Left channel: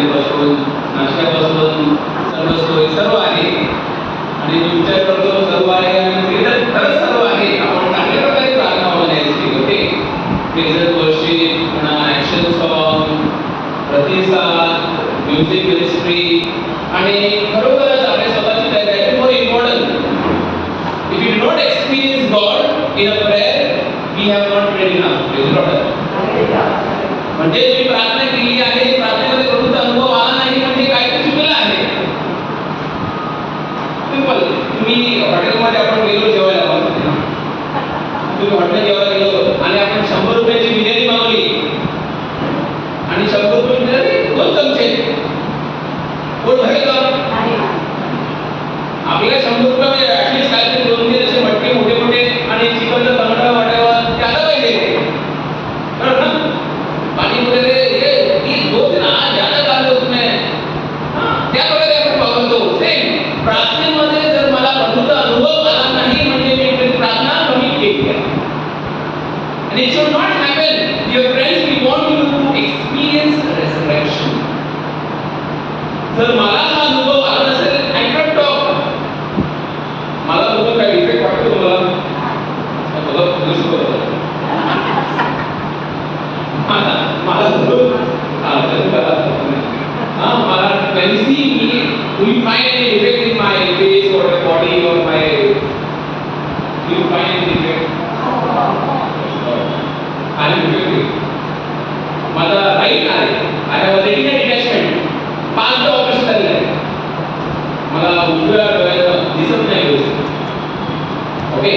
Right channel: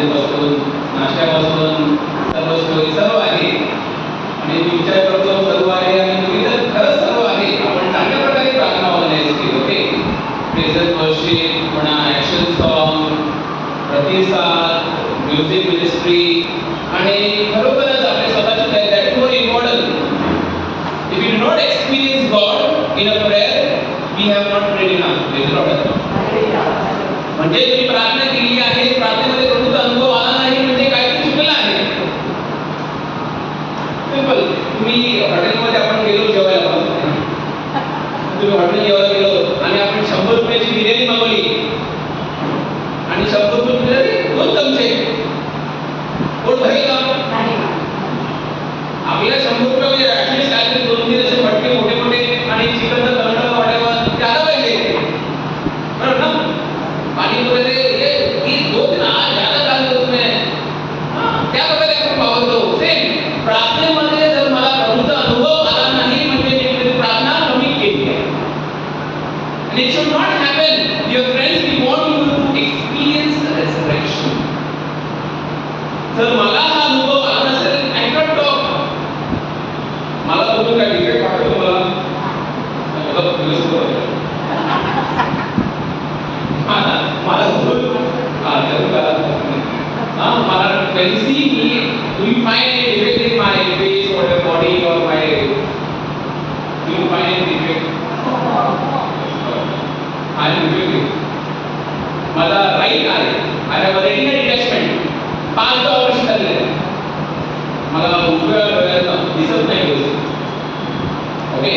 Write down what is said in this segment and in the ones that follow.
हॉटेलपासून नाश्त्यापासून सर्व सोय सर्व आहे आणि मी विचार करतो सर्व आहे आणि ते तर खरंच सर्व आहे. आपण चांगल्या प्रकारे प्रार्थना ऑर्गनाईज केली. ओके, प्रेझेंट वर्शिप म्हणा, ॲक्शन सॉन्ग, प्रतिसाद, म्युझिक मिनिस्ट्री आणि खरोखरच आपल्या स्वतःची तयारी. That is more important. If you do not experience God in a prayer, we have not prayed enough. Praise Lord. म्हणजे तुम्ही प्रार्थना केली आहे, प्रार्थनेमध्ये प्रभूचा अनुभव आला नाही म्हणजे काहीतरी चुकलं आहे. सिंपल. तुम्ही हॉटेलमध्ये आपण गेलो जेवायला, तुम्ही हॉटेल जेवायला गेलो आणि आपण 100 रुपयाची बिर्याणी मागवली आणि 100 रुपयाची बिर्याणी 2 चमचे, पोट भरेल का? आपल्याला 100 रुपयामध्ये ऍटलीस्ट काहीतरी 2-3 असे मटके मोठे मोठे आणि चिकनचा तंगडा वाटावा ते आला पाहिजे. बरोबर ना? पाणीपुरी ये 2-3 आज ज्यादा डाल दो तुम्हें. त्या प्रकारे आपण वावरतो. सेम प्रार्थनेमध्ये जर मला प्रभूचा अनुभव आला नाही म्हणजे मी आपली प्रार्थना कमी केली आहे. आणि it should not happen. Dear friends, we want you to experience resurrection. जर मला हा अनुभव आला नसेल, आय कॅन टॉक. मला बघून काय इफेक्ट वाटतो तुम्हाला? मला पोलीस बोलतो मला मला when you see me, do you find any defect in my face or my body or my, do you find any defect? I am defective. माझा राईट आहे. I have a retina detachment. 5th operation झालेलं आहे. मला उजव्या डोळ्यात दिसत नाही व्यवस्थित. ओके,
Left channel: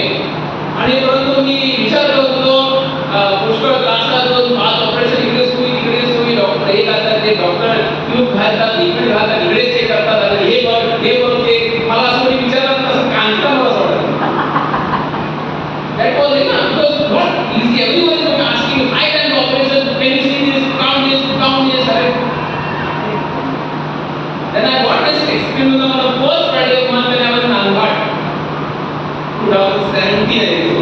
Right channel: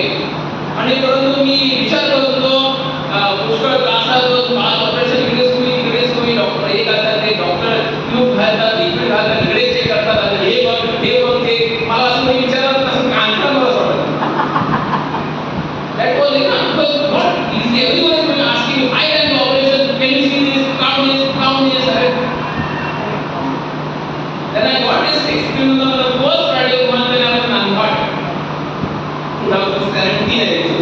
आणि परंतु मी विचार करत होतो पुष्कळ त्रासात 5 ऑपरेशन इकडे सुई डॉक्टर एक असतात ते डॉक्टर ट्यूब घालतात, लिक्विड घालतात, इकडे चेक करतात आणि हे बघ ते मला असं कोणी विचारतात असं कांता मला असं वाटत. That was it, because not easy. Everyone is going to ask you, I can do operation, can you see this, count this, right? Then I got this experience on the first Friday of month when I was in Anwad, 2017 I think so.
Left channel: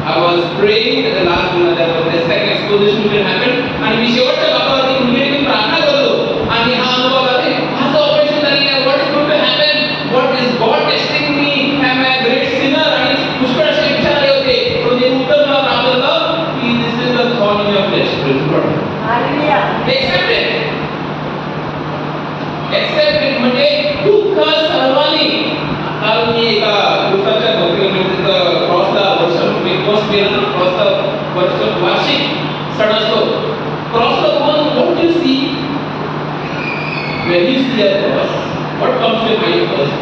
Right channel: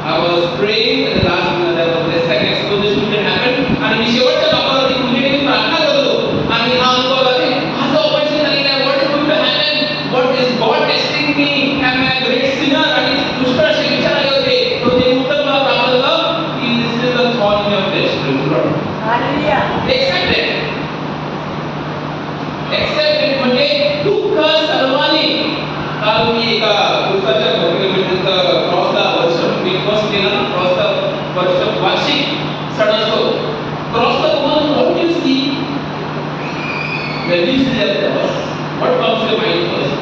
I was praying at the last minute that the second exposition will happen आणि मी शेवटच्या भागावरती कुठेतरी प्रार्थना करतो आणि हा अनुभव आहे. माझं ऑपरेशन झालेलं आहे. What is going to happen? What is God testing me? Am I great sinner? आणि पुष्कळ असे विचार आले होते. पण ते उत्तर मला प्राप्त झालं की this is the thorn in your flesh. Hallelujah. Accept it म्हणजे दुःख सर्वांनी. काल मी एका पुस्तकाच्या डॉक्युमेंटरीचा क्रॉसचा वर्ष मी पोस्ट केला ना, क्रॉसचा वर्ष वार्षिक सण असतो. क्रॉसला तुम्हाला what you see when you see a cross, what comes to your mind first?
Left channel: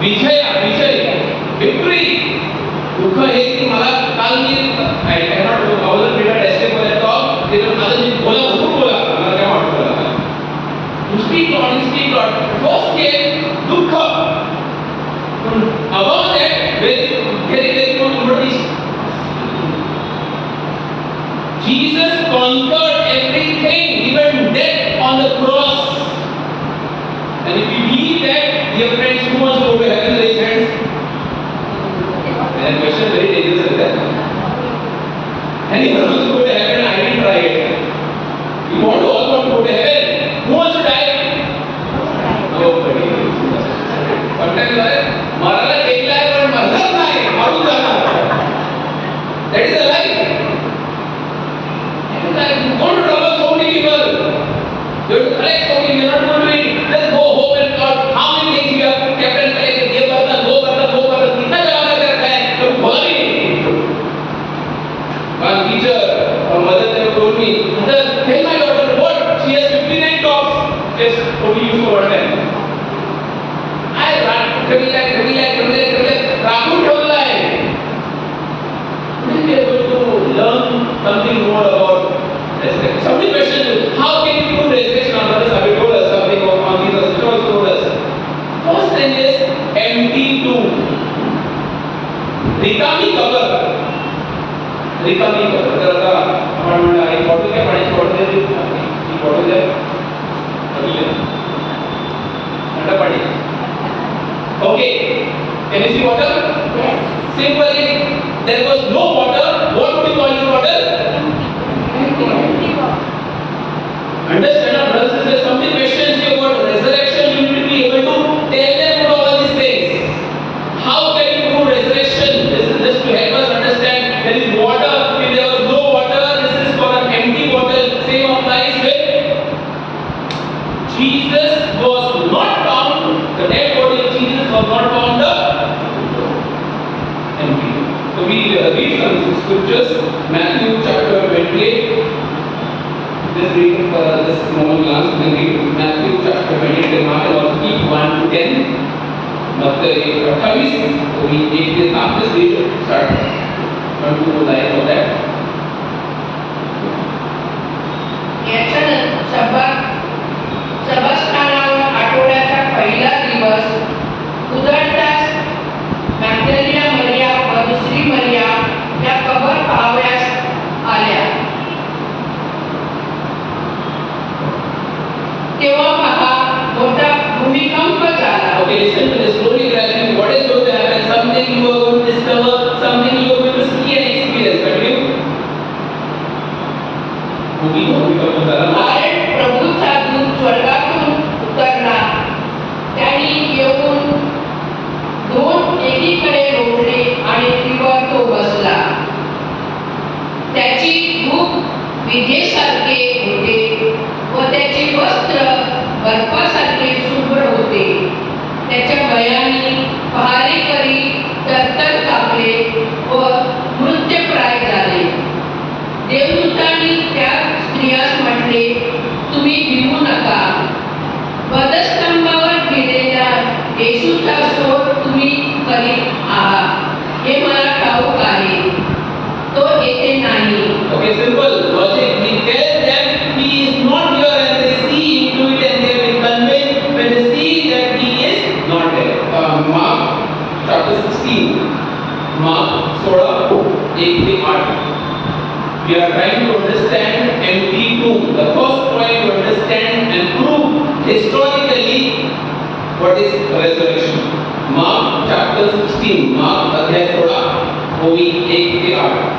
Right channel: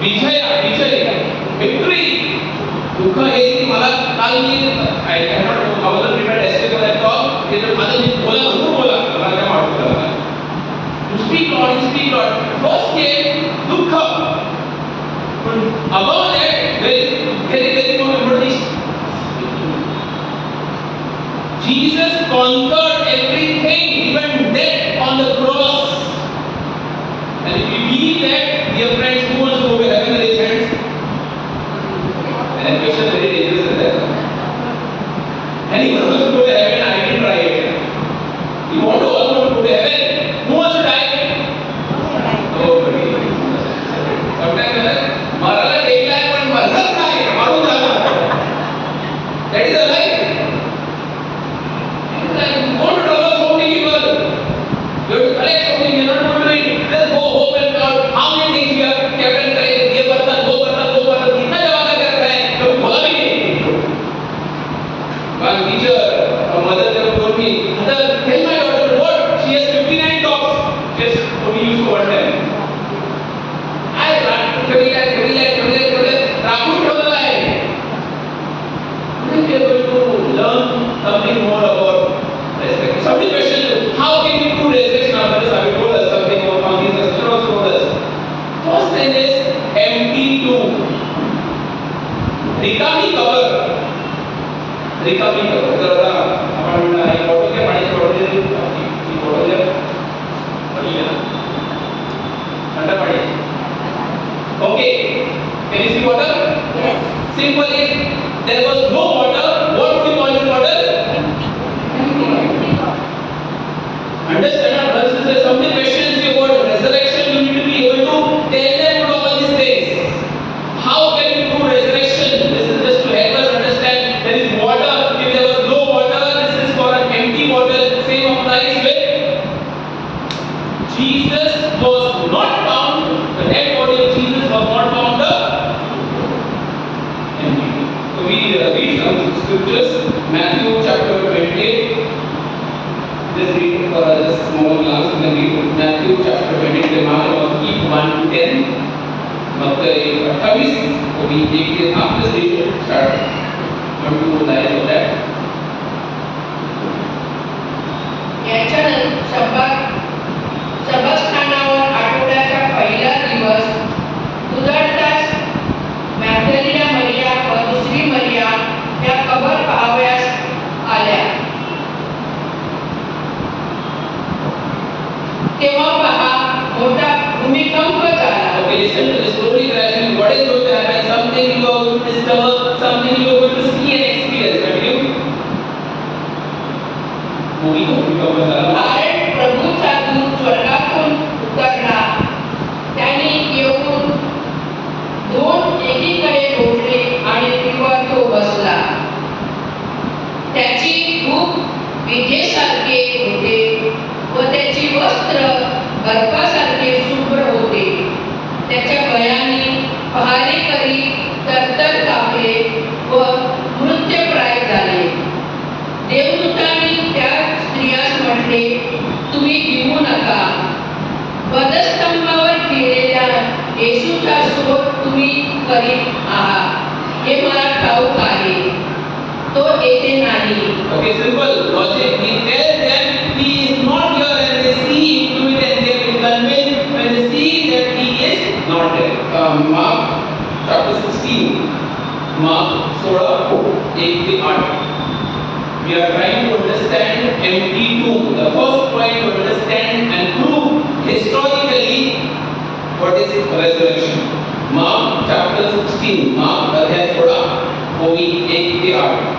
Vijay, victory. दुःख हे मला काल मी I wasn't prepared yesterday for that talk. ते तर माझं मी भरपूर बोला मला काय वाटतं. You speak Lord. First came दुःख. But above that, very important. Jesus conquered everything, even death on the cross. And if you believe that, dear friends, who wants to go to heaven? Raise hands. And that question is very dangerous, isn't it? Anyone wants to go to heaven? I can try it. You want to all want to go to heaven? Who wants to die? Nobody. Sometimes Marala टेकला आहे पण मरणार नाही, मारून जाणार. That is a life. That is life. You want to trouble so many people. You have to collect so many. You are not going to read. Just go home and count how many things you have kept and collected. ये बर्तन, वो बर्तन. कितना जमा करके रखा है? कभी बोला भी नहीं. One teacher, a mother told me, "Mother, tell my daughter what? She has 59 tops. Just only use for one time." ठेवलेलं राखून ठेवलेलं आहे. We are going to learn something more about resurrection. Somebody questioned you, how can you do resurrection after this? Have you told us something about these sisters also told us. First thing is empty tomb. रिकामी cover. तर आता आपण म्हणलं एक bottle घ्या, पाण्याची bottle घ्या, ती बॉटल घ्या, थंड पाणी. Okay, can you see water? Yes. Simple. If there was no water, what would you call this water? Empty. read some scriptures. Matthew chapter 28. Just read for just small glance. You can read Matthew chapter 28. Mark and also keep 1 to 10. मत्तई 28 ओवी 1 से 7 just read it. Start. Not too more lines of that. सबस्थानावर आठवड्याचा पहिला दिवस उजाडताच मॅग्दलिना मरिया व दुसरी मरिया या cover पाहावयास आल्या. तेव्हा पहा मोठा भूमिकंप झाला. Okay, listen to this slowly gradually. What is going to happen? Something you are going to discover, something you are going to see and experience. Continue. भूमिकंप झाला. कारण प्रभूचा दूत स्वर्गातून उतरला. त्याने येऊन दोन एकीकडे रोवले आणि त्रिवर तो बसला. त्याची रूप विजेसारखे होते व त्याचे वस्त्र बर्फासारखे शुभ्र होते. त्याच्या गळ्याने पहारेकरी तरतर कापले व मृत्यूप्राय झाले. देवदूतांनी त्या स्त्रियास म्हटले, तुम्ही भिवू नका. वधस्तंभावर ठेवलेल्या येशूचा शोध तुम्ही करीत आहात हे मला ठाऊक आहे. तो येथे नाही. Okay, simple logic. He tells them he is not here and they see into it and they will convinced when they see that he is not there. Mark chapter 16. Mark 16:1-8. We are trying to understand empty tomb. The first point to understand and prove historically what is resurrection. Mark chapter 16. Mark अध्याय 16 ओवी 1 ते 8.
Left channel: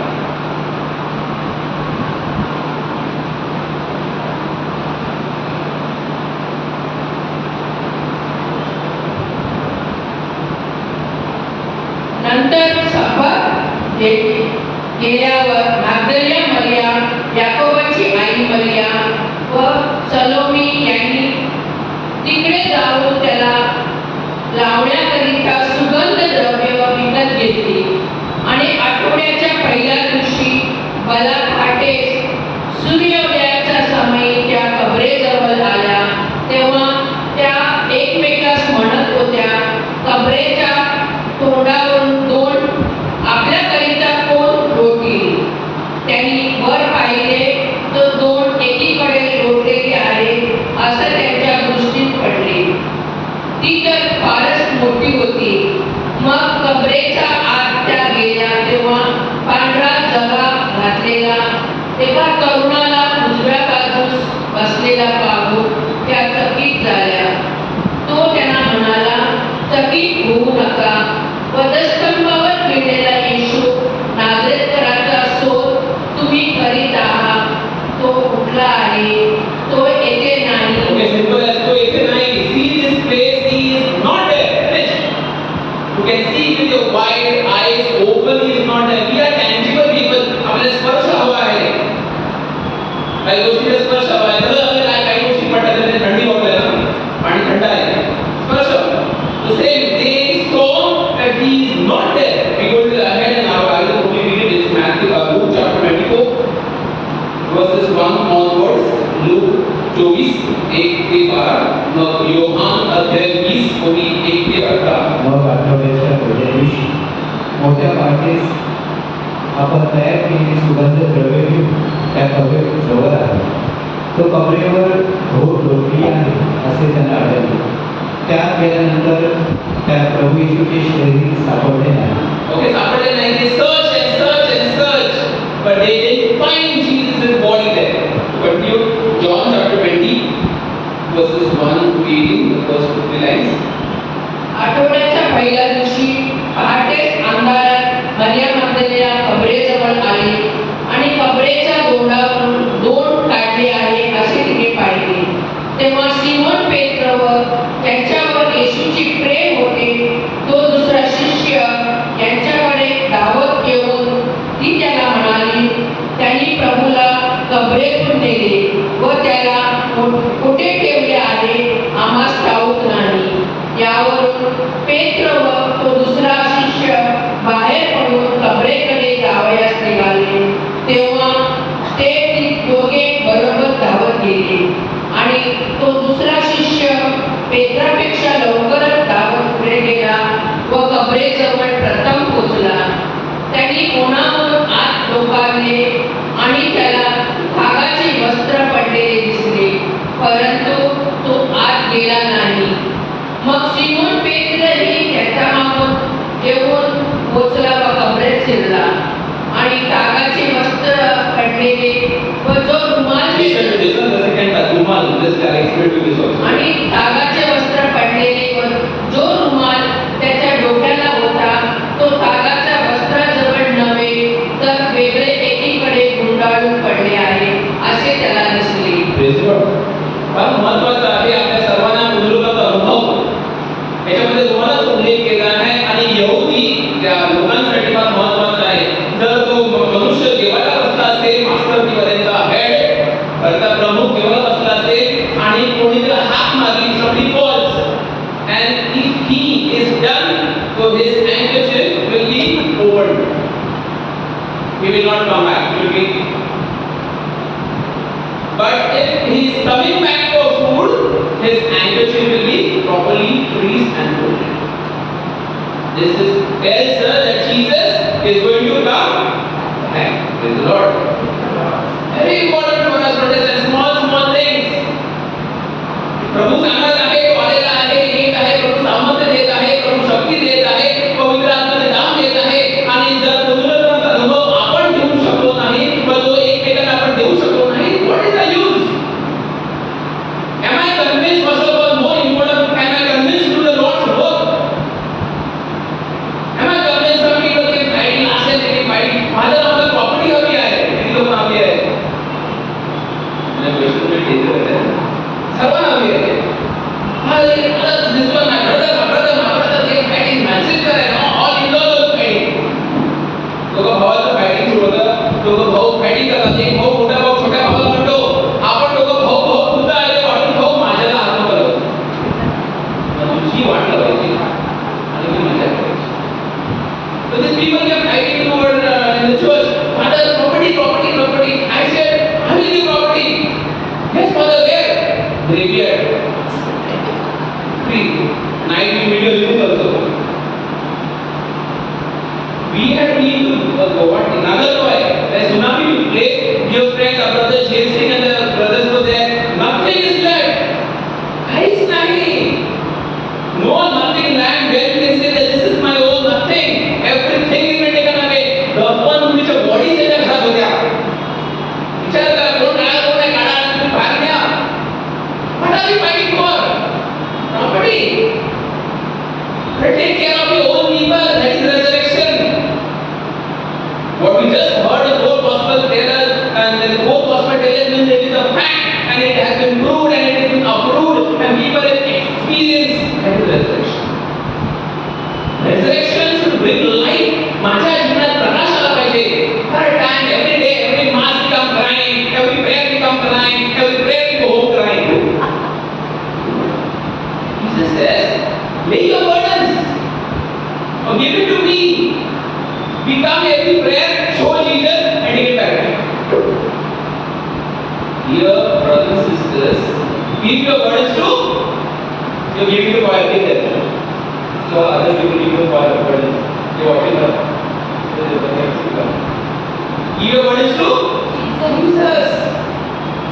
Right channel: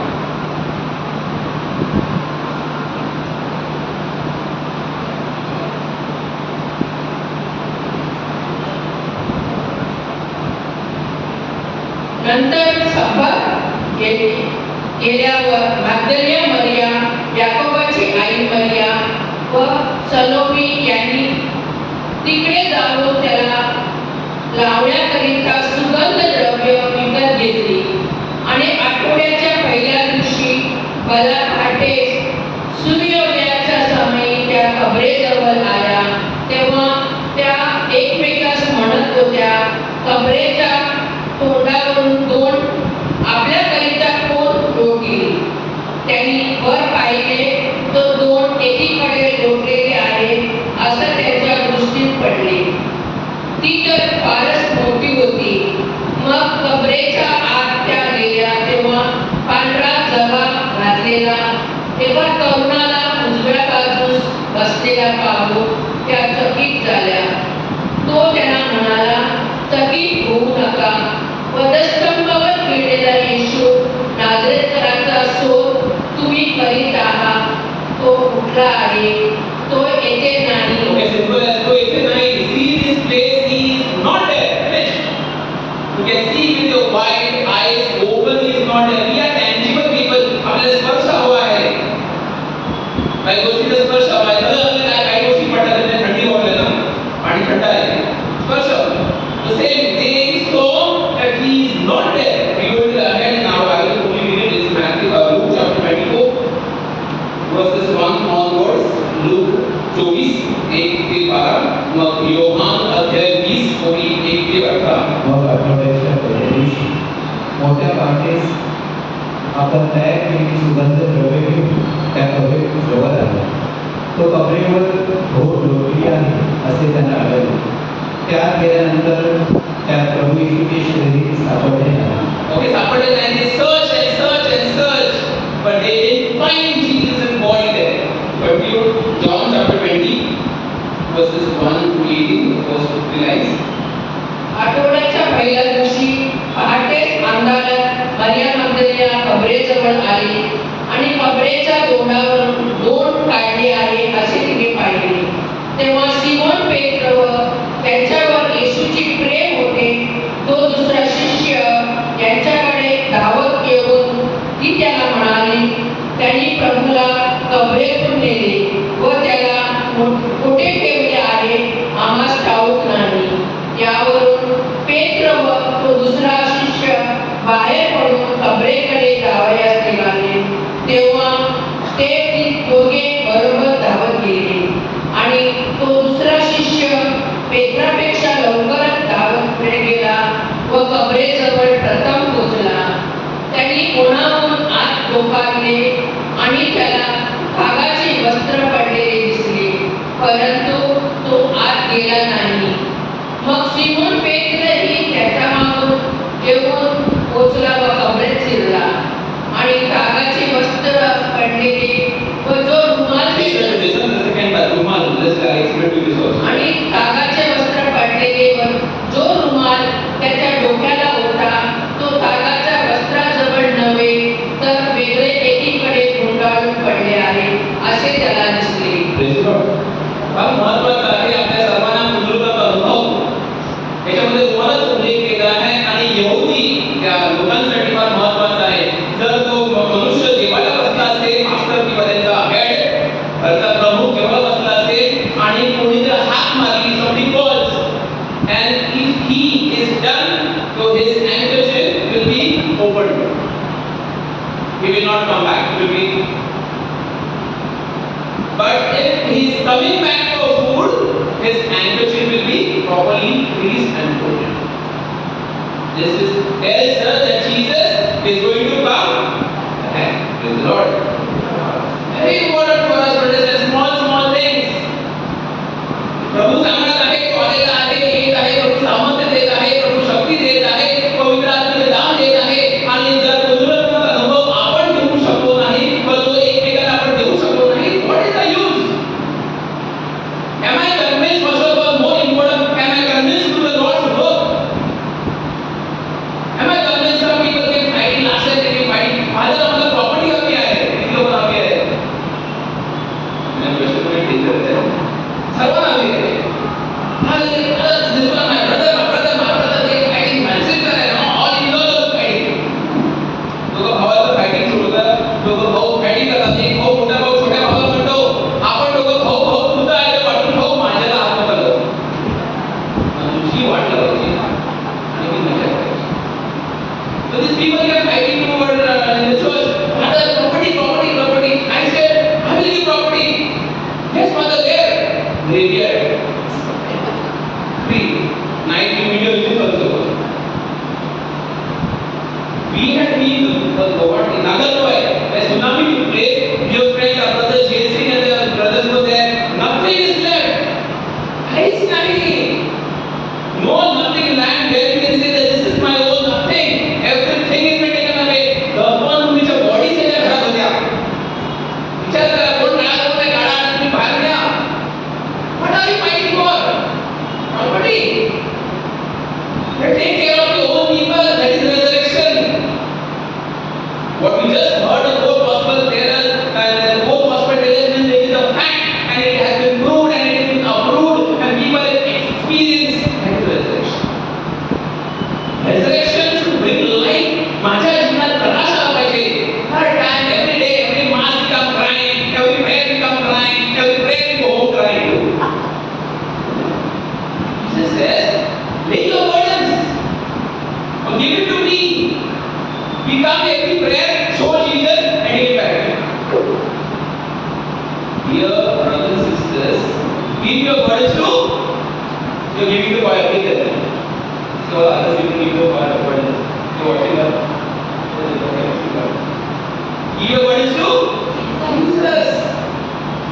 नंतर सभा गेल्यावर मॅग्दलिना मरिया, याकोबाची आई मरिया व सलोमी यांनी तिकडे जाऊन त्याला लावण्याकरिता सुगंध द्रव्य विकत घेतली. आणि आठवड्याच्या पहिल्या दिवशी भला पहाटे सूर्योदयाचा समय त्या कबरेजवळ आल्या. तेव्हा त्या एकमेकास म्हणत होत्या, कबरेच्या तोंडावरून दोन आपल्याकरिता कोण लोटतील. त्यांनी वर पाहिले तर दोन एकीकडे लोटलेले आहेत असं त्यांच्या दृष्टीत पडले. ती तर फारच मोठी होती. मग कबरेच्या आत त्या गेल्या तेव्हा पांढरा जबा घातलेला एका तरुणाला उजव्या बाजूस बसलेला पाहून त्या चकित झाल्या. तो त्यांना म्हणाला, चकित होऊ नका. वधस्तंभावर ठेवलेला येशू नाझरेथचा शोध तुम्ही करीत आहात. तो कुठला आहे? तो येथे नाही. Okay, simple as तो येथे नाही. See this place, he is not there. Finished. You can see with your wide eyes open, he is not there. We are tangible people. आपल्याला स्पर्श हवा आहे. काही गोष्टीचा स्पर्श हवा आहे. तर काही गोष्टी पडतात म्हणजे थंडी वाजते ना, पाणी थंड आहे. स्पर्श. The same they saw that he is not there. We go to the ahead and now I will only read it. It's Matthew, Luke chapter 24 verses 1 onwards. Luke 24 1 ते 12. मग योहान अध्याय 20 ओवी 1 ते 18. मग आठवड्याच्या पहिल्या दिवशी मोठ्या पहाटेस आपण तयार केलेली सुगंध द्रव्ये घेऊन त्या कबरेजवळ आला. तो कबरेवर घोट लोटली आहे असे त्यांना आढळले. त्यात गेल्यानंतर त्या प्रभू येशूचे शरीर सापडले नाही. Okay, सापडले नाही. They search and search and search, but they didn't find Jesus' body there. Continue John chapter 20 verses 1 to 18, the first 3 lines. आठवड्याच्या पहिल्या दिवशी पहाटेच अंधारात मरिया मग्दलिना कबरेजवळ आली आणि कबरेच्या तोंडावरून दोन काढले आहे असे तिने पाहिले. तेव्हा सिमोन पेत्र व त्यांच्यावर येशूची प्रेम होते तो दुसरा शिष्य यांच्याकडे धावत येऊन he will not come back. He will be. But if he is coming back for food, his handkerchief will be properly greased and folded. This is tells us that Jesus is going to come back. Praise the Lord. Very important for us, brothers and small things. प्रभू सांगत आहे, तो आलेला आहे, येत आहे, प्रभू सामर्थ्य देत आहे, प्रभू शक्ती देत आहे, पवित्र आत्म्याचे दान देत आहे आणि जर पुनरुत्थानाचा अनुभव आपण घेऊ शकलो नाही, मग तो एकमेकांना आपण देऊ शकलो नाही, what is the use? Am I convinced, first of all, more important, am I convinced to the Lord's work? Am I convinced some people can fight, last time they can fight, माझ्या आम्हाला property हवी आहे, किती लोकांना हवी आहे? मला question भेटले तर सर्वांना हवी आहे. This one, my brother, they are fighting Manchester and all in-laws are fighting. दोघं भावाचं fighting सुरू होतं. दोघं भाऊ fighting करतात. एक भाऊ मोठा भाऊ छोट्या भावाला म्हणतो, आपण दोघं भाऊ तुझा आहे ते वाटून भाऊ माझ्याला हात करतो. तुझी वाट लावायची आणि मी मजा करायची. So these people kept fighting over the church. Father, property. I said, I will give property. Yes, father, where? Graveyard. Free. Night video use also. We had been to Guwahati, Nagarkoil. There is tsunami place. Dear friend, our brother Jail Singh and the brothers were there. Nothing is left. काहीच नाही. No, nothing land. Where you can say that this is my own, nothing. Everything is been taken away. The one which a body से जब खराब हो गया. विचार करा कोण काढा तुम्ही बाहेर घ्या. What are we fighting for? Property. Take care of your own people. That is resurrection. What we just heard the four gospel tell us, and the four gospel tell us that it is a fact, and it has been proved, and it has been approved, and people have experienced that is resurrection. Resurrection should bring life. माझ्या जीवनात प्रकाश आला पाहिजे. Hard time, every day, every mass become crying, every prayer become crying, every prayer we go home crying. Jesus says, lay your burdens, or give it to me. We come every prayer, show Jesus, and take it back. Dear brothers and sisters, give your burdens to, you are giving to fire, take that. So others will give your burdens. You are watching her. Give your burdens to Jesus.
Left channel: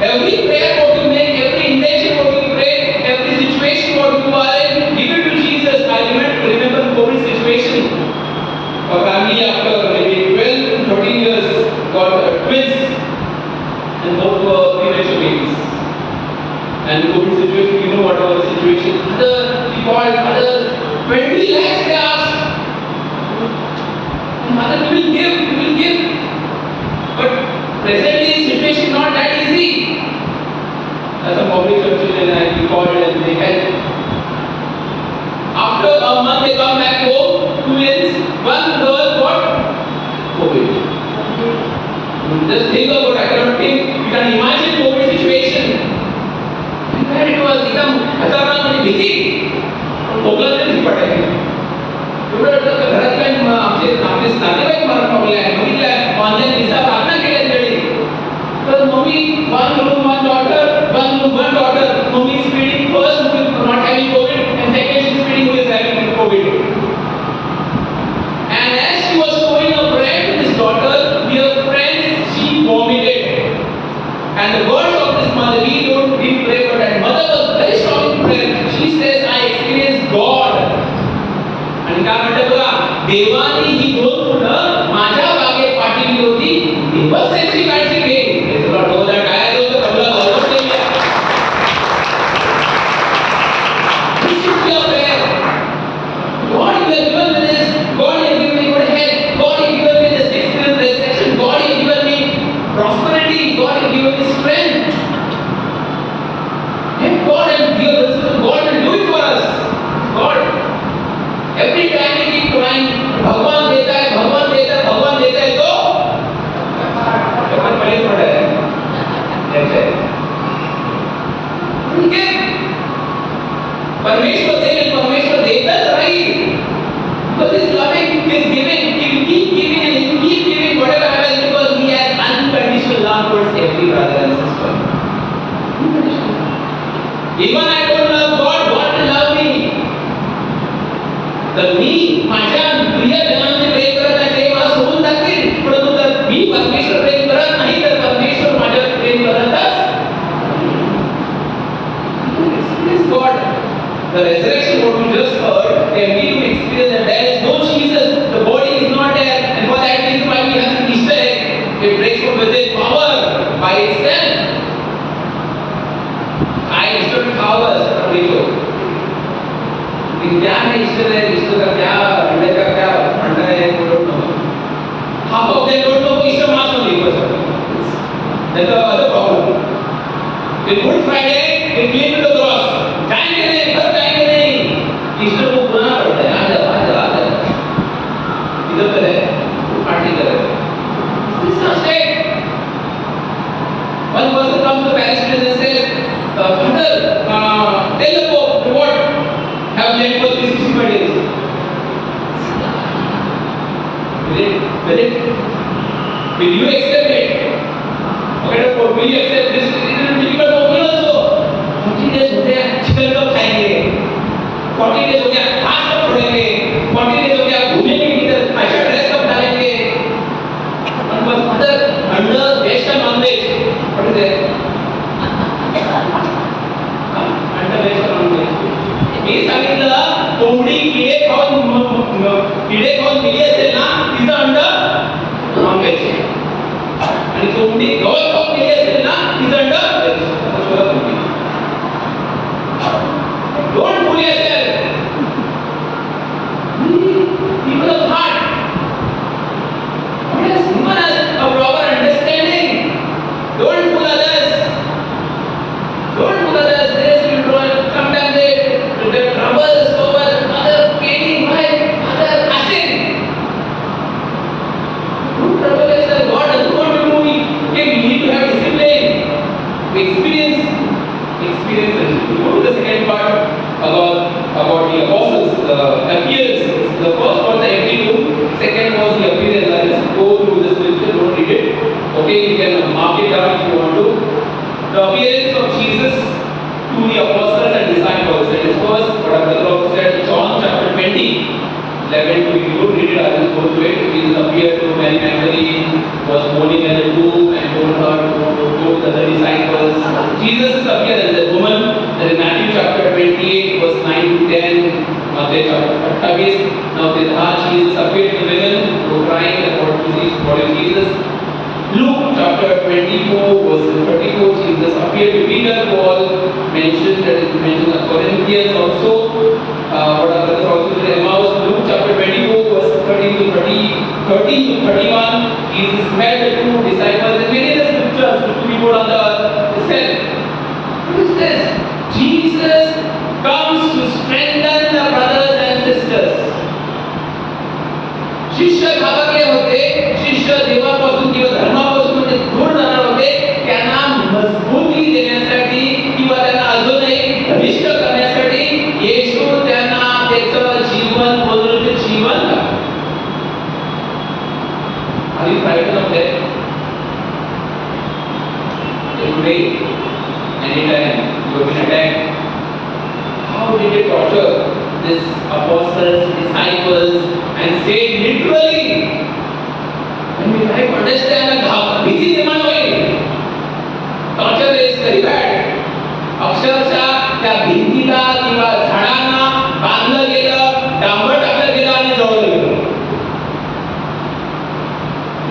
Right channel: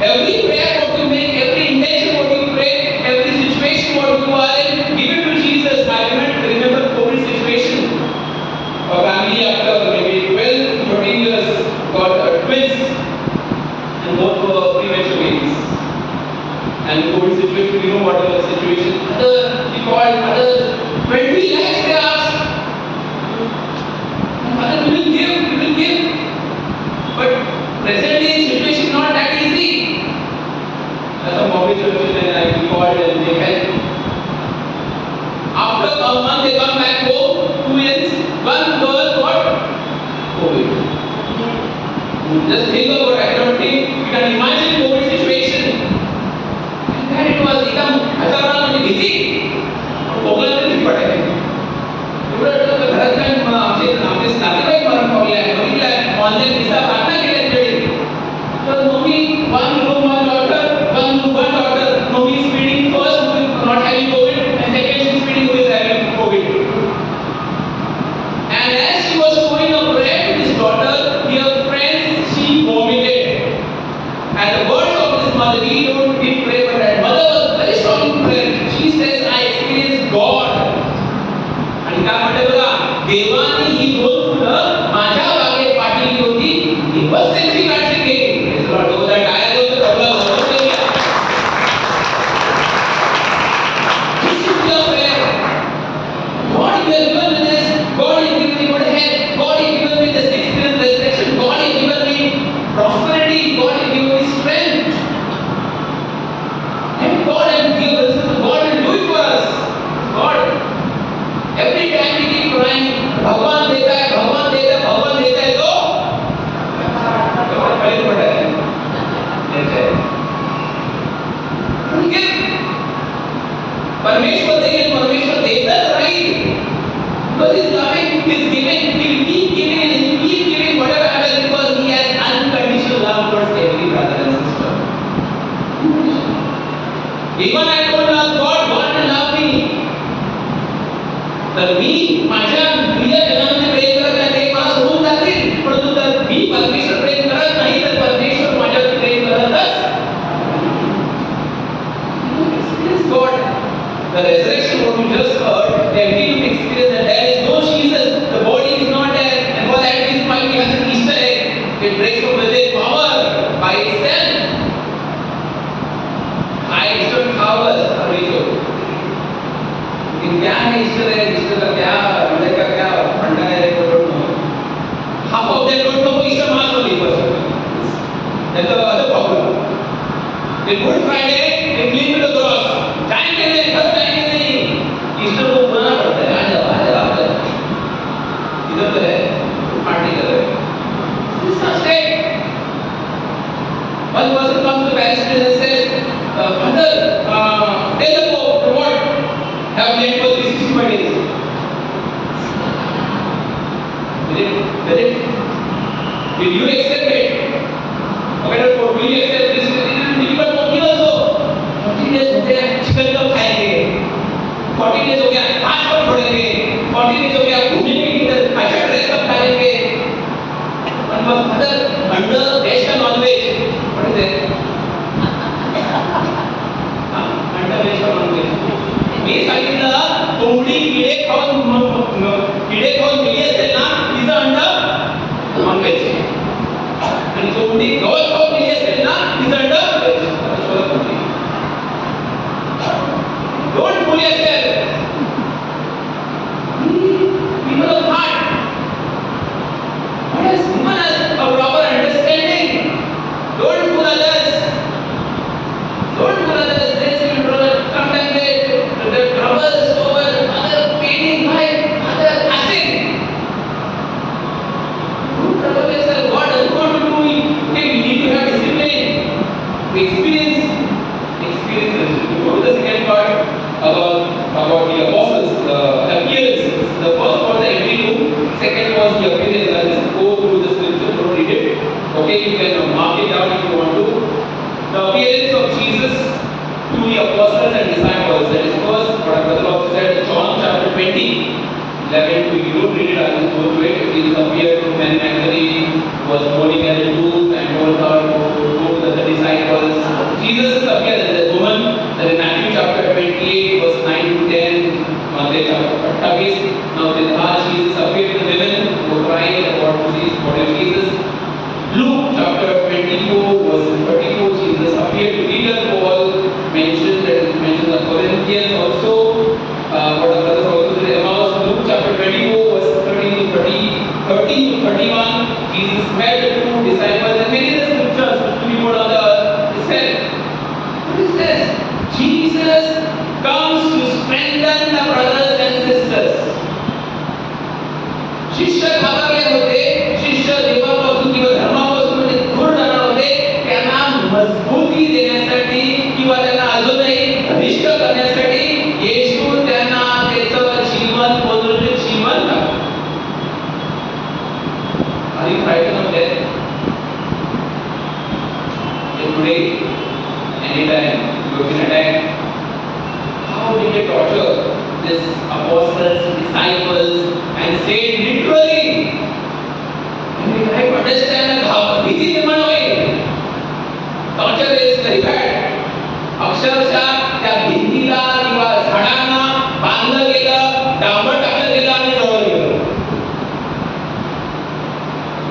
Every prayer what you make, every intention what you pray, every situation what you are in, give it to Jesus. I remember COVID situation. A family after maybe 12 to 13 years got twins, and both were premature babies. And COVID situation, you know what was the situation. We called others, 20 lakhs they asked. And Father, we will give. But presently situation is not that easy. As a Bombay church and I called and they helped. After a month they come back home, twins, one girl got COVID. Just think about it. I cannot think. You can imagine COVID situation. And it was एकदम खतरनाक आणि भीती. खोकला तरी पडायला. एवढं घरात काय आमचे नातेवाईक मला खोकले आहे. बघितलं ऑनलाईन विसा प्रार्थना केल्या तिकडे. तर mummy one room, one daughter. Mommy is feeding first who is not having COVID, and second she is feeding who is having COVID. And as she was showing her bread to this daughter, dear friends, she vomited. And the words of this mother, we pray, but that mother was very strong in prayer. She says, I experienced God. आणि काय म्हणते बघा, देवाने ही दोन फुलं माझ्या बागेत पाठवली होती. दिवस त्यांची काळजी घे. Prosperity, God has given me strength. And God has given us, God will do it for us. God. Every time we keep crying, भगवान देता है तो पहले पढ़ा है. परमेश्वर देता right. Because He is loving, He is giving, He will keep giving and He will keep giving whatever happens. तर मी माझ्या प्रियजनांचे प्रेम करत नाही ते मला सोडून जातील, परंतु जर मी परमेश्वर प्रेम करत नाही तर परमेश्वर माझ्यावर प्रेम करतच. God, the resurrection what we just heard, and we to experience that there is no Jesus, the body is not there, and for that reason why we have this Easter egg, it breaks from within power by itself. I Easter hours are video. क्या है ईश्वर है, ईश्वर का क्या अंदर का क्या फंडा है, I don't know. Half of them don't know Easter Mass only person. That's the other problem. In Good Friday, they cling to the cross. Time के नहीं, बस टाइम के नहीं. ईस्टर को बुलाना पड़ता है. आ जा. इधर तो है, पार्टी कर रहे हैं. It's not state. One person comes to the parish priest and says, Father, tell the Pope to what? Have lent for 365 days. Will you accept it? Okay, will you accept this? Difficult for me also. 40 days हो गया, chicken कब खाएंगे? 40 days हो गया, घास कब छोड़ेंगे? 40 days हो गया, घूमेंगे किधर? अच्छा ड्रेस कब डालेंगे? One was Father, under Western non-veg. What is it? Under Western non-veg. मी सांगितलं कोंबडी किडे खाऊन गेली असेल ना तिचं अंड नॉनव्हेज आणि कोंबडी गवत खाऊन गेली असेल ना तिचं and don't fool yourself. People of heart, God has given us a proper understanding. Don't fool others. Don't fool others. There is children. Sometimes they troubles over other paining by other passing. Don't trouble yourself. God doesn't want to do it. Okay, we need to have discipline. Experience. We go to the second part about the apostles' appearances. The first was the entry to. Second was the appearance. I'll just go through the scripture. Don't read it. Okay, you can mark it down if you want to. The appearance of Jesus to the apostles and disciples. That is first what our brother also said, John chapter 20, 11 to you don't read it, I will go through it. Jesus appeared to Mary Magdalene, was mourning at the tomb and told her to go to the disciples. Jesus appeared as a woman. That is Matthew chapter 28, verse 9 to 10. Matthew chapter 28. Now with her Jesus appeared to women who were crying about to see the body of Jesus. Luke chapter 24, verse 34, Jesus appeared to Peter, Paul mentioned the Corinthians also. What our brothers also said, Emmaus. Luke chapter 24, verse 13 to 31, Jesus met the two disciples and many other scriptures which we go down the said. What is this? Jesus comes to strengthen the brothers and sisters. शिष्य घाबरले होते, शिष्य देवापासून किंवा धर्मापासून म्हणजे दूर जाणार होते, त्यांना मजबूती देण्यासाठी किंवा त्यांना अजूनही घनिष्ठ करण्यासाठी येशू त्यांना त्याचं जीवन बदलून जीवन Are you frightened of death? Today, anytime you have been attacked, how did they torture these apostles, disciples, and say literally, when we try to understand how भीती निर्माण होईल. Torture is very bad. अक्षरशः त्या भिंतीला किंवा झाडांना बांधलं गेलं, डांबर टाकलं गेलं आणि जळवलं गेलं.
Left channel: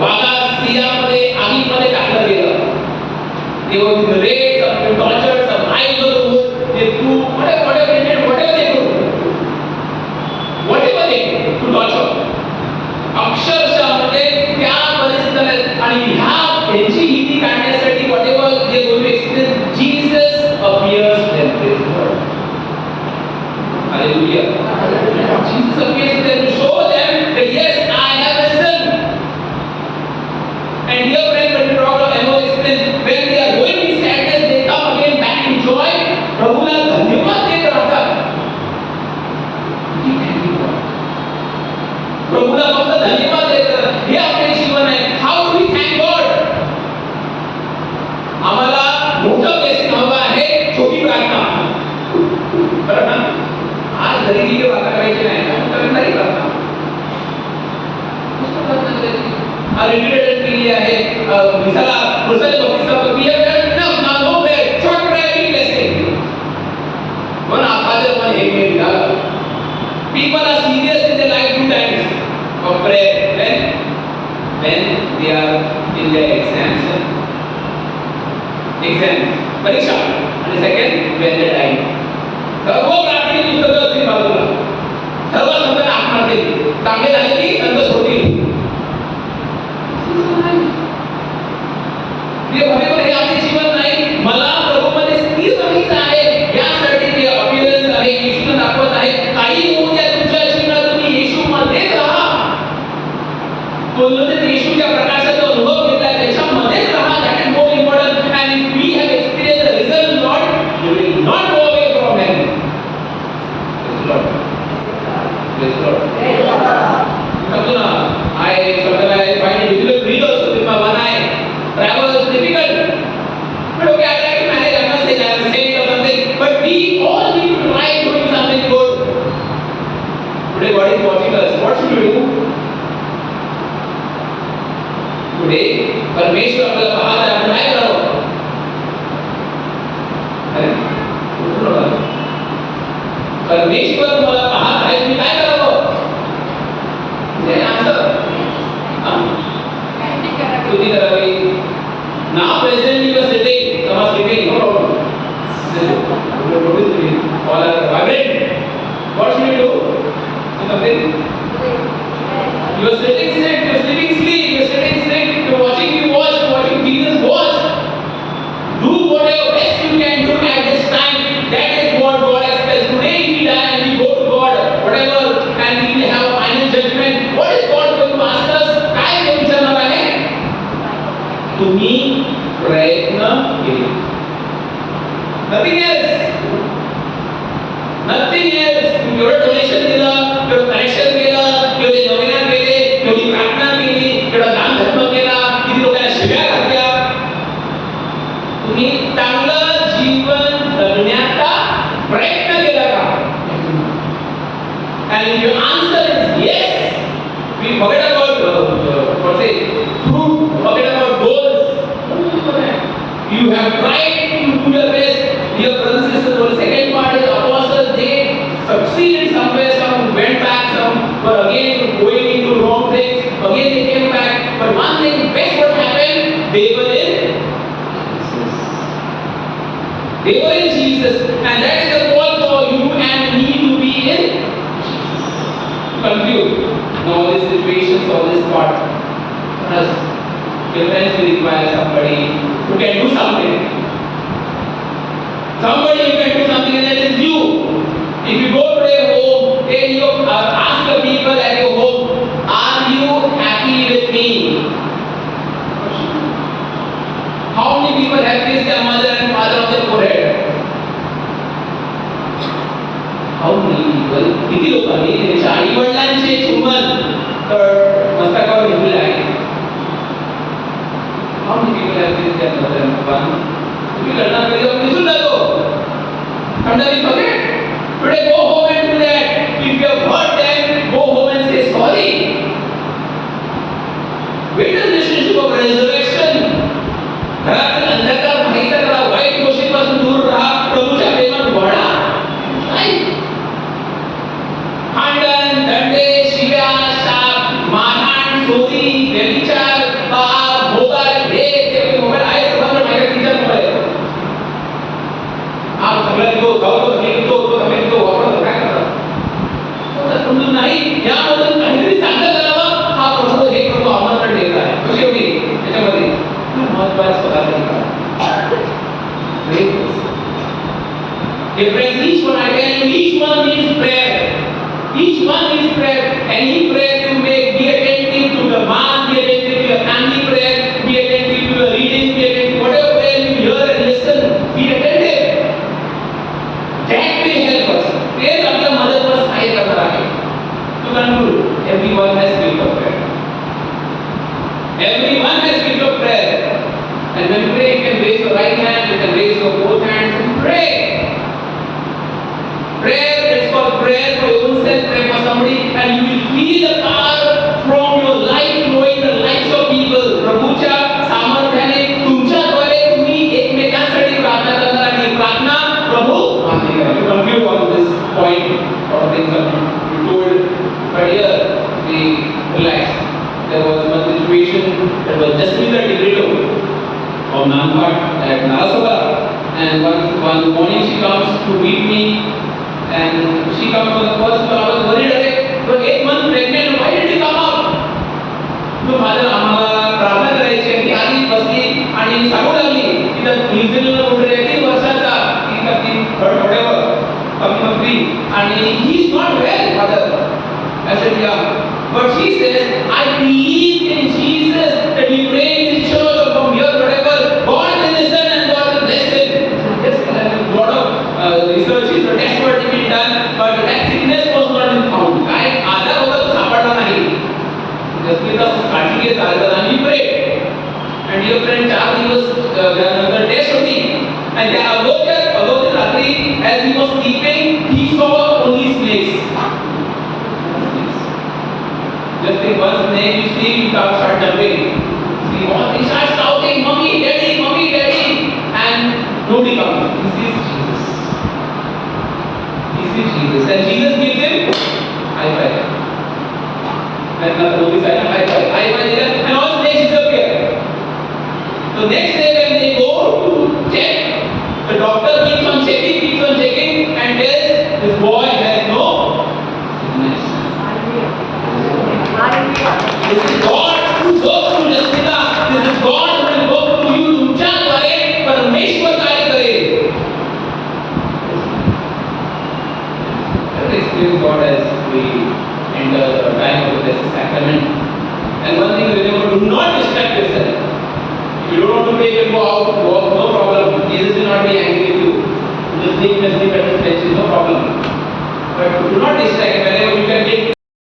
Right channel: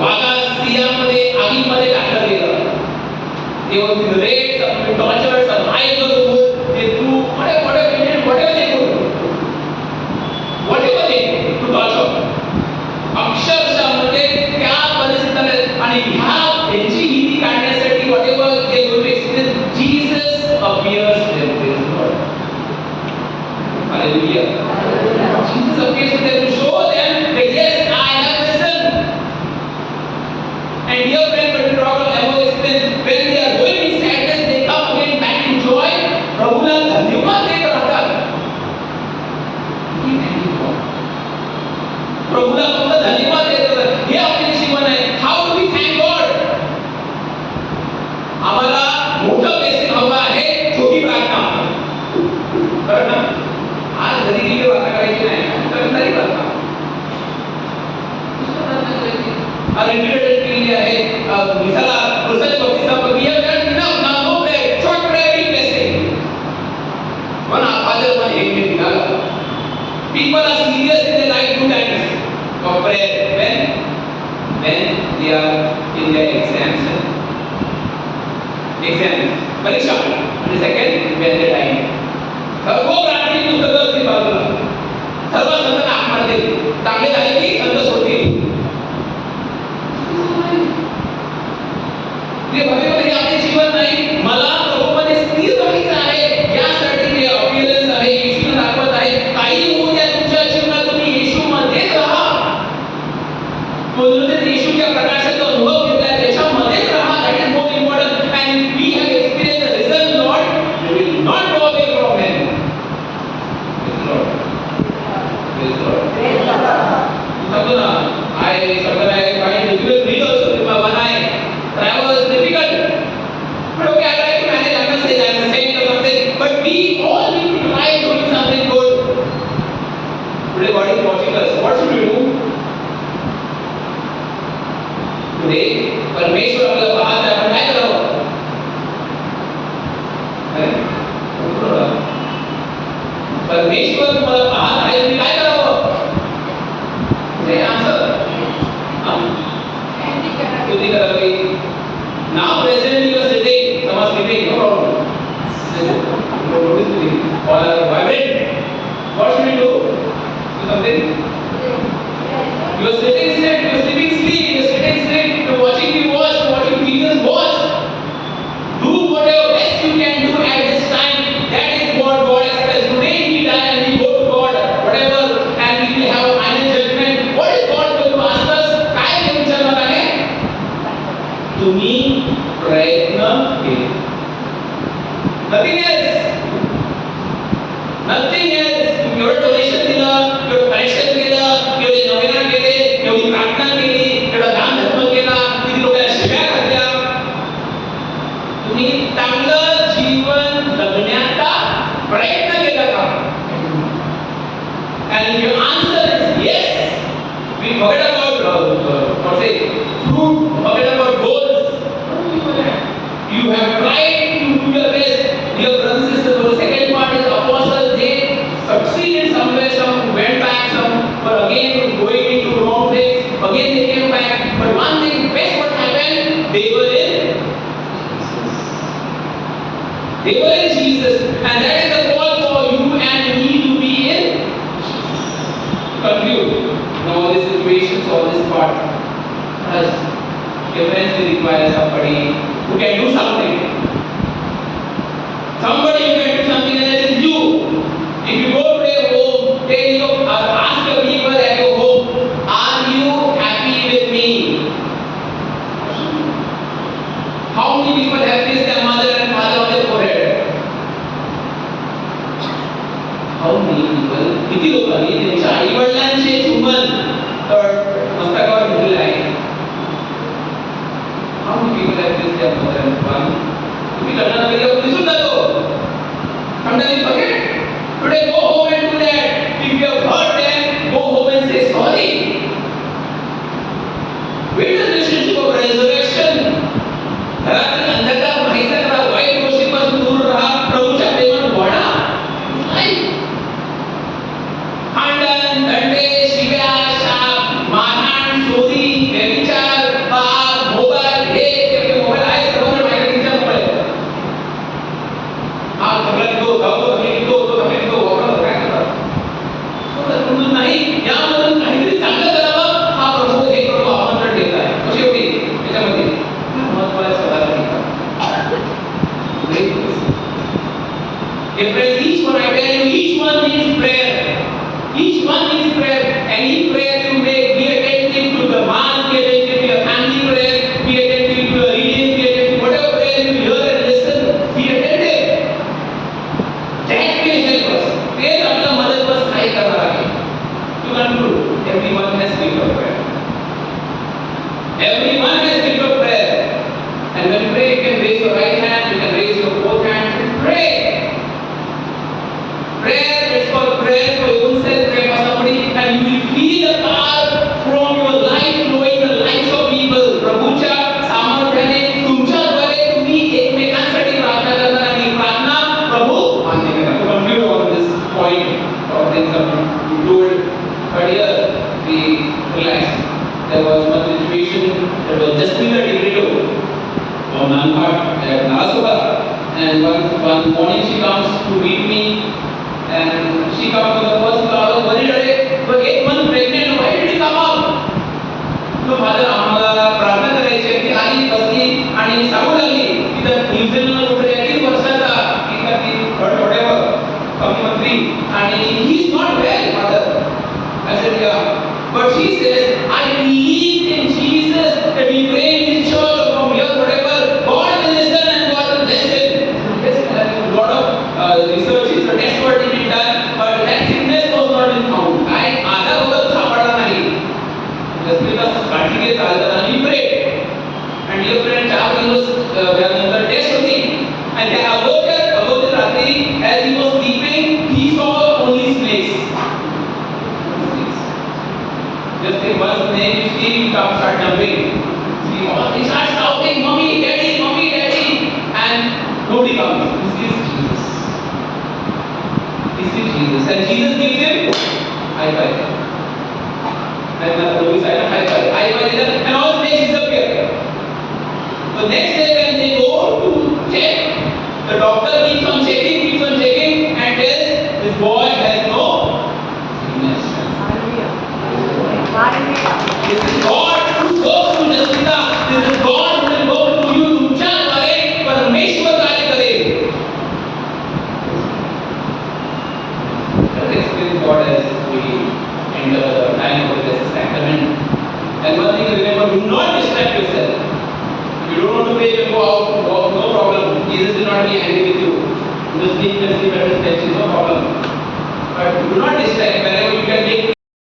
वाघा सिंहामध्ये आगीमध्ये टाकलं गेलं. They were being raped, some were tortured, some eyes were removed. They do whatever they do. Whatever they do to torture. अक्षरशः म्हणजे त्या परिस्थितीत आणि ह्या त्यांची भीती काढण्यासाठी whatever they go to experience, Jesus appears them. Praise the Lord. Hallelujah. Jesus appears to them to show them that yes, I have risen. And dear friend, when we talk of Emmaus experience, when they are going in sadness, they come again back in joy. प्रभूला धन्यवाद देत राहतात. प्रभूला फक्त धन्यवाद देत राहतात. हे आपले जीवन आहे. How do we thank God? आम्हाला मोठं ब्लेसिंग हवं आहे, छोटी प्रार्थना. बरं ना? आज घरी गेली प्रार्थना करायची नाही. पुरुषाच्या बाबतीत सांगतो, we have done enough, now no prayer, short prayer, big blessing. One our father, one amen, God. People are serious in their life 2 times of prayer. When they are in their exams, परीक्षा, आणि second when they die. सर्व प्रार्थनेची पुस्तकं असतील बाजूला, सर्व संतांना हाक मारतील, चांगले झाले की संत सोडतील. प्रिय भाविकांनो, हे आपले जीवन नाही. मला प्रभूमध्ये स्थिर राहायचं आहे, यासाठी जे अपीअरन्स आहे, येशूने दाखवत आहे. काही होऊ द्या तुमच्या जीवनात, तुम्ही येशूमध्येच राहा. बोललो तर येशूच्या प्रकाशाचा अनुभव घेतला, त्याच्यामध्येच राहा. That is more important. And if we have experience the risen Lord, you will not go away from him. Praise Lord. सांगतो ना, I sometimes I find it difficult to read also with my one eye. Travel is difficult. But okay, I try to manage. I'm not saying I'm saying or something. But we all need to try doing something good. Today God is watching us. What should we do? Today, परमेश्वर आपल्याला पाहत आहे, आपण काय करावं? अरे, परमेश्वर तुम्हाला पाहत आहे, तुम्ही काय करावं? आन्सर स्तुती करावी. Now present you are sitting, some are sleeping, no problem. All are vibrant. What should you do? Do something. You are sitting sick, you are sleeping sleep, you are sitting sick, you are watching me watch, you are watching Jesus watch. Do whatever best you can do at this time. That is what God expects. Today we die and we go to God, whatever, and we will have a final judgment. What is God going to ask us? काय ते विचारणार आहे? तुम्ही प्रयत्न केले. Nothing else. Nothing else. तुम्ही एवढं donation दिलं, एवढं कनेक्शन केलं, एवढी नवीन केले, एवढी प्रार्थना केली, एवढा दान धर्म केला, किती लोकांना शिव्या घातल्या. तुम्ही चांगलं जीवन जगण्याचा प्रयत्न केला का? And your answer is yes. We forget about fruit, forget about goals. You have tried to do your best. Dear brothers and sisters, the second part is apostles. They succeeded somewhere. Some went back. Some were again going into wrong things. Again they came back. But one thing, best what happened? They were in Jesus, and that is the call for you and me to be in. Conclude. Now all these situations, all this part, us difference will require somebody who can do something. Somebody who can do something, and that is you. If you go to a home, tell you, ask the people at your home, are you happy with me? How many people have kissed their mother and father on their forehead? How many people? किती लोकांनी त्यांच्या आई वडिलांचे चुंबन मस्तकावर घेतलेले आहे? How many people have kissed their mother and father? तुम्ही लग्नात कधी आपण विसरून जातो. Sometimes we forget. Today go home and do that. If you have hurt them, go home and say sorry. Wait till the relationship of resurrection. घरातील अंधकार माहिती करा, वाईट गोष्टींपासून दूर राहा, प्रभूच्या प्रेमात वाढा. नाही भांडण, दंडे, शिव्या, शाप, मारहाण, चोरी, व्यभिचार, पाप, मोबाईल, हे मोबाईल आहे सगळं माझ्या कितीचा मोबाईल हा सगळं तो जाऊ तो तो वापरतो काय करतात समजून नाही. यामधून काहीतरी चांगलं करावं हा प्रभू हे प्रभू आमंत्रण देत आहे. कशी होती त्याच्यामध्ये महत्वाचं difference. Each one, I tell you, each one needs prayer. Each one needs prayer. Any prayer you make, be attentive to the mass, be attentive to your family prayer, be attentive to your reading, be attentive to whatever prayer you hear and listen, be attentive. That will help us. तेच आपल्या मदतवर सहाय्य करणार आहे. To conclude, everyone has gift of prayer. Everyone has gift of prayer. And when you pray, you can raise your right hand, you can raise your both hands and pray. Jasmina Tigreto of Nalpat at Nalasola. And one morning she comes to meet me, and she comes for the first time. I was worried, "Arey, you are 8 months pregnant. Why did you come up?" तो father आम्हाला प्रार्थना करायची आहे. ती आली बसली आणि सांगू लागली की त्या न्यूझीलंडला कुठे 3 वर्षाचा की का ती whatever पत्नी आणि he is not well father. I said, yeah. But she says, I believe in Jesus, that he prayed in church or from here, whatever. God will listen and God will bless him. Yes, a lot of researches or tests were being done, but that sickness was not been found. काय आजार होता तो सापडला नाही. जसं काळजी घेत आलं आणि we prayed. And dear friend, 4 दिवस त्यानंतर टेस्ट होती. And त्या अगोदर रात्री as he was sleeping, he saw only snakes. Just think one snake you see, you start jumping. See, he starts shouting, "Mommy, Daddy, Mommy, Daddy," and nobody comes. He sees Jesus. He sees Jesus, and Jesus gives him high five. And nobody said high five, and all snakes disappear. So next day when they go to check, the doctor keeps on checking, and tells this boy has no sickness. This is God who works through Jasmina. This is God who will work through you. तुमच्याद्वारे परमेश्वर कार्य करेल. Let us experience God as we enter the time of the Blessed Sacrament. And one thing remember, do not distract yourself. If you don't want to pray, you can go out, walk, no problem. Jesus will not be angry with you. Just sleep and sleep at his bench, no problem. But do not distract. Whenever